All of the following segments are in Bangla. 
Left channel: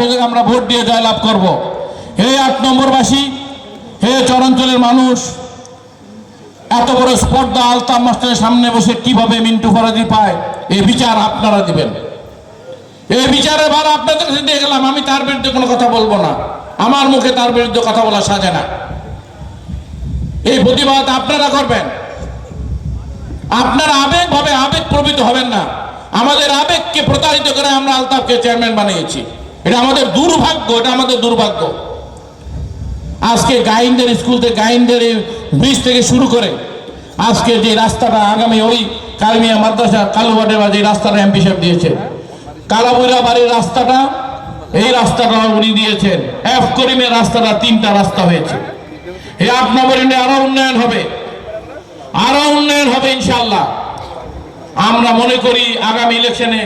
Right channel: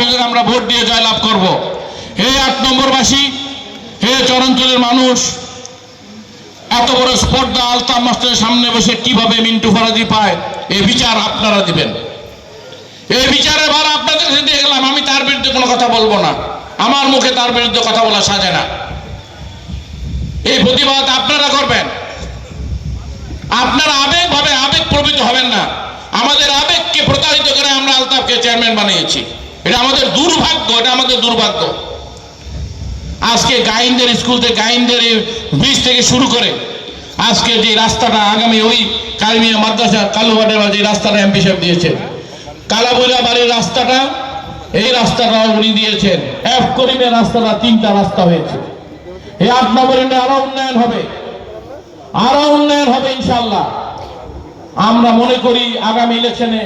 আলতাফকে আমরা ভোট দিয়ে জয়লাভ করব। হে আট নম্বরবাসী, হে চরাঞ্চলের মানুষ, এত বড় স্পর্ধা আলতাফ মাস্টারের সামনে বসে কীভাবে মিন্টু ফরাজি পায় এই বিচার আপনারা দিবেন। এই বিচারে ভার আপনাদের দিয়ে গেলাম, আমি তার বিরুদ্ধে কোনো কথা বলব না। আমার মুখে তার বিরুদ্ধে কথা বলা সাজে না। এই প্রতিবাদ আপনারা করবেন। আপনারা আবেগ ভাবে আবেগ প্রবৃত হবেন না। আমাদের আবেগকে প্রতারিত করে আমরা আলতাফকে চেয়ারম্যান বানিয়েছি। এটা আমাদের দুর্ভাগ্য, এটা আমাদের দুর্ভাগ্য। আজকে গাইনদের স্কুল থেকে, গাইনদের ব্রিজ থেকে শুরু করে আজকে যে রাস্তাটা আগামী ওই কালমিয়া মাদ্রাসা কালুবাটের যে রাস্তাটা এমপি সাহেব দিয়েছেন কালাবুরা বাড়ির রাস্তাটা, এই রাস্তাটা উনি দিয়েছেন। এফ করিমের রাস্তাটা তিনটা রাস্তা হয়েছে। এ আপনার আরও উন্নয়ন হবে। আরও উন্নয়ন হবে ইনশাল্লাহ আমরা মনে করি আগামী ইলেকশনে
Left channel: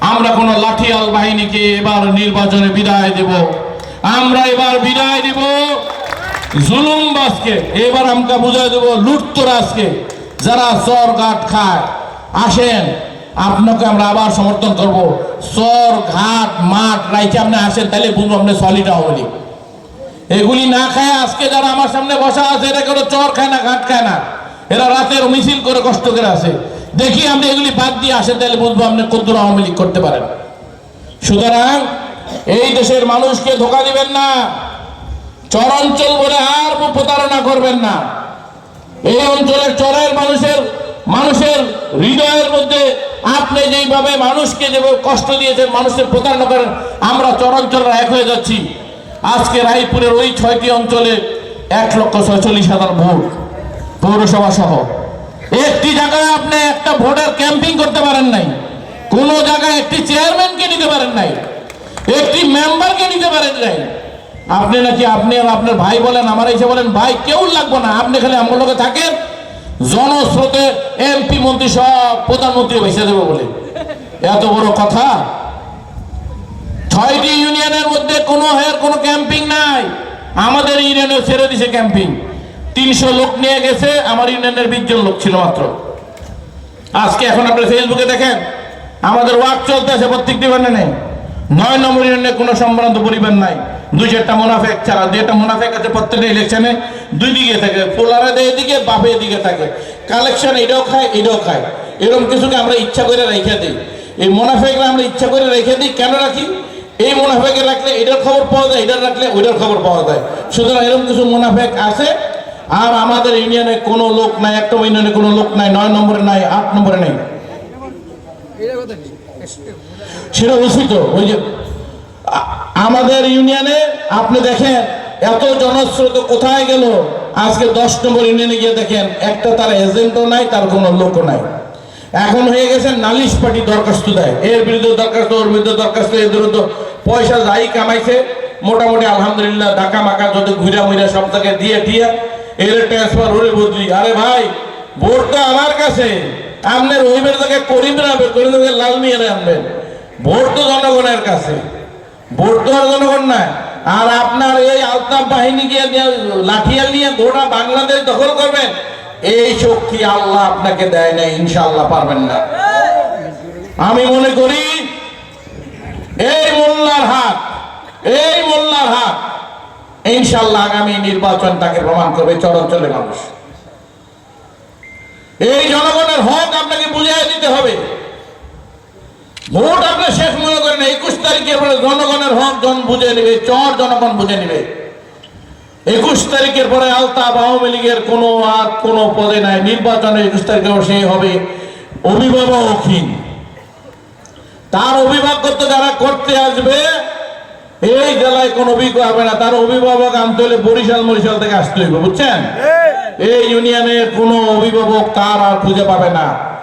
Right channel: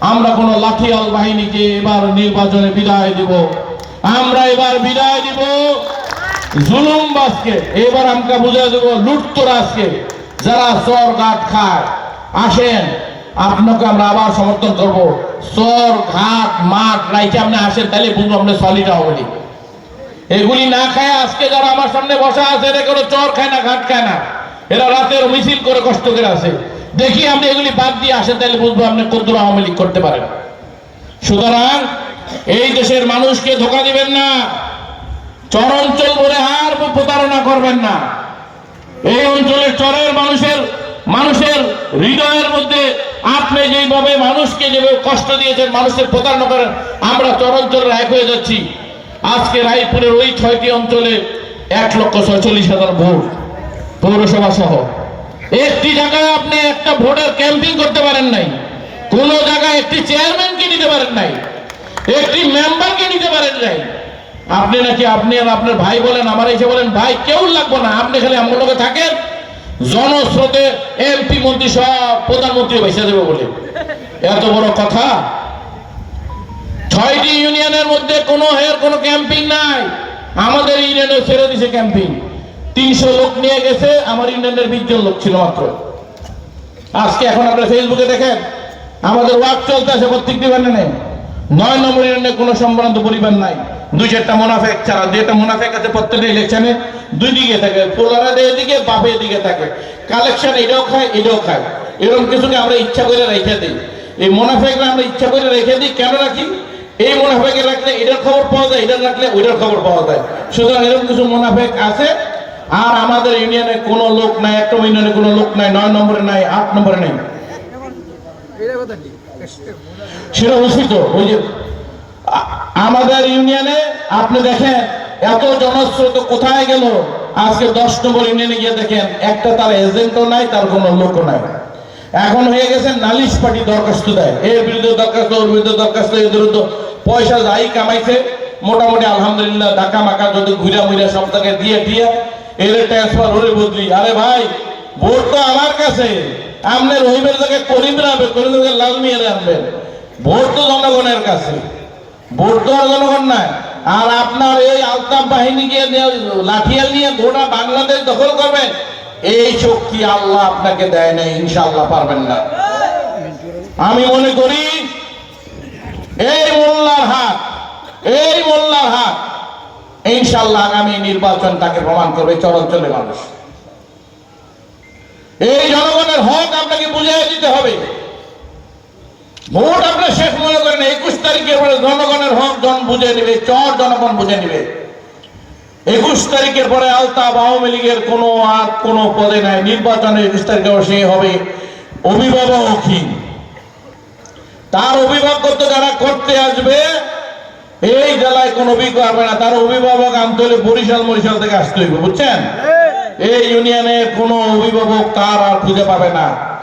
আমরা কোন লাঠিয়াল বাহিনীকে এবার নির্বাচনে বিদায় দেব। আমরা এবার বিদায় দেব জুলুমবাজকে এবার আমরা বুঝাই দেব লুটতরাজকে, যারা চর ঘাট খায়। আসেন, আপনাকে আমরা আবার সমর্থন করব। চর ঘাট মাঠ রাইতে আপনি আসেন, তাহলে বুঝব আপনি সলিটা হবনি এগুলি না খায় আজকে যারা আমার সামনে বসা আছে, এরা কোনো চর খায় না, ঘাট খায় না। এরা রাতের মিছিল করে কষ্ট করে আছে। দেখি আপনি এগুলি বাদ দিয়ে আসেন, তাহলে বুঝব আপনি কদ্দুর আওয়ামী লীগ করতে পারেন। সুতরাং এই দেশের মানুষকে ধোকা দিবেন না, চরাঞ্চল বলে আর প্রতারণা করবেন না। এই অঞ্চলের চরের মানুষের মানুষের হৃদয়ের মধ্যে আপনি যেইভাবে মানুষকে যেভাবে কষ্ট দিয়েছেন, মানুষের প্রতারণা করেন, আমরা চরাঞ্চলের এক হয়ে যাচ্ছি। আজকে রায়পুরের ওই ছয়টি অঞ্চলে এক লক্ষ ছয়চল্লিশ হাজার ভোট পৌরসভা সহ একটি জায়গায় আপনি একটা ভোটের ক্যাম্পিং করতে পারেন নাই। কোন জায়গায় একটি চেয়ারম্যানকে নিতে পারেন নাই। একটি মেম্বারকে নিতে পারেন নাই। আপনি নাকি, আপনি আপনার ভাই বলেন, আমার এসে বলেন, ভাই, কেউ লাগবো না, আপনি খালি আমার লোকে থাকেন। জনস্রোতে এমপি মন্ত্রী সব প্রধানমন্ত্রী ভেসে দেবে বলে। এত বড় কথা? ছয়টি ইউনিয়নের মধ্যে কোনো হের কোনো ক্যাম্পিং নাই। আমাদের ইউনিয়নে ছেড়ে দিছে ক্যাম্পিং। তিনশো লোক নিয়ে গেছে, আমার ইউনিয়নের বিশ জন লোক ছিল মাত্র। আজকে এখন আপনারা ফেসবুকে দেখেন, আমাদের ওয়ার্ক চলতে আছে প্রত্যেকটি বানে নেই নয় নম্বর ইউনিয়নে কোনো সম্ভ্রান্ত পরিবার নাই। দুই চারটা মোনাফেক ছাড়া যেটা মোনাফেক আছে প্রত্যেকটা ইলেকশনে দুই দিকে থাকে, পোলারা এদিকে বাপে এদিকে থাকে। কালেকশন এটাও খায় এটাও খায়। এরকম কিছুকে আমরা ইচ্ছা করে রেখে দিই? এই মোনাফেকরা আমরা ইচ্ছা করে রেখে দিই, কেন রাখি? এই মোনাফেকে রাখলে এটার খবর পাওয়া যায় এটা রাখলে ওইটার খবর পাওয়া যায়। সুতরাং এরকম কিছু মোনাফেক আছে আর আমাদের ইউনিয়নে কোনো লোক নাই, একটা ইউনিয়নে কোনো লোক নাই, নয় নম্বরে নাই, আট নম্বরে নেই। সেটা অবশ্যই তো ওই যে আমাদের ইউনিয়নে, আপনি দেখেন, এত জনস্রোত কোথায় গেল? আজকে দশ নম্বর ইউনিয়নে গিয়ে দেখেন, একটা তার এজেন্টও নাই, তার কোনো লোকও নাই। এখন হয়ে গেছে, নালিশ পার্টি দরখাস্ত দেয়। এর বিরুদ্ধে দরখাস্ত, ওর বিরুদ্ধে দরখাস্ত, এর বিরুদ্ধে পয়সা যাই কামাইছে। মোটামুটি আলহামদুলিল্লাহ ঢাকা মাকা যদি ঘুরা মুড়া সব তাকে দিয়ে দিয়ে এর ট্রান্সফার হলে বদলি আরে ভাই আমার কাছে। আপনি রহিমের জায়গায় লাল নিয়ে ভোট তো জনগণের কাছে। ভোট তো আর জনগণ নাই। আর আপনার এই বাহিনীকে লাঠিয়াল নিয়ে গোটা বাংলাদেশ দখল করবেন এই শক্তি আল্লাহ আপনাকে দেয় না ইনশাআল্লাহ পারবেন না। আমি মনে করি, এই মোল্লার হাত, এই মোল্লার হাত ইনশাআল্লাহ আগামী নির্বাচন তাকে প্রমাণ করবে চরাঞ্চলের মানুষ। এই জনগণের হক আপনাকে বুঝিয়ে দিতে হবে। ভোট আপনার শেষ মনে করেন, একুশ তারিখের পরে জনগণের হক জন বুঝে নেবে, চর জনগণ বুঝে নেবে। একুশ তারিখের পরে আলতাফ আওয়ামী লীগের কোনো আর কোনো পদে নাই। নির্বাচনে একুশ তারিখে সে হবে অভিভাবকহীন। তার অভিভাবকত্ব যারা করতে আসবে এই জেলায় কোনো অভিজ্ঞ হবে না। তার অভিভাবক আনতে হলে বরিশাল মরিশাল থেকে আসতে হইব বুঝছেন? এই। ইউনিয়নে কোনো অভিভাবক কার আর খুঁজে পাবে না।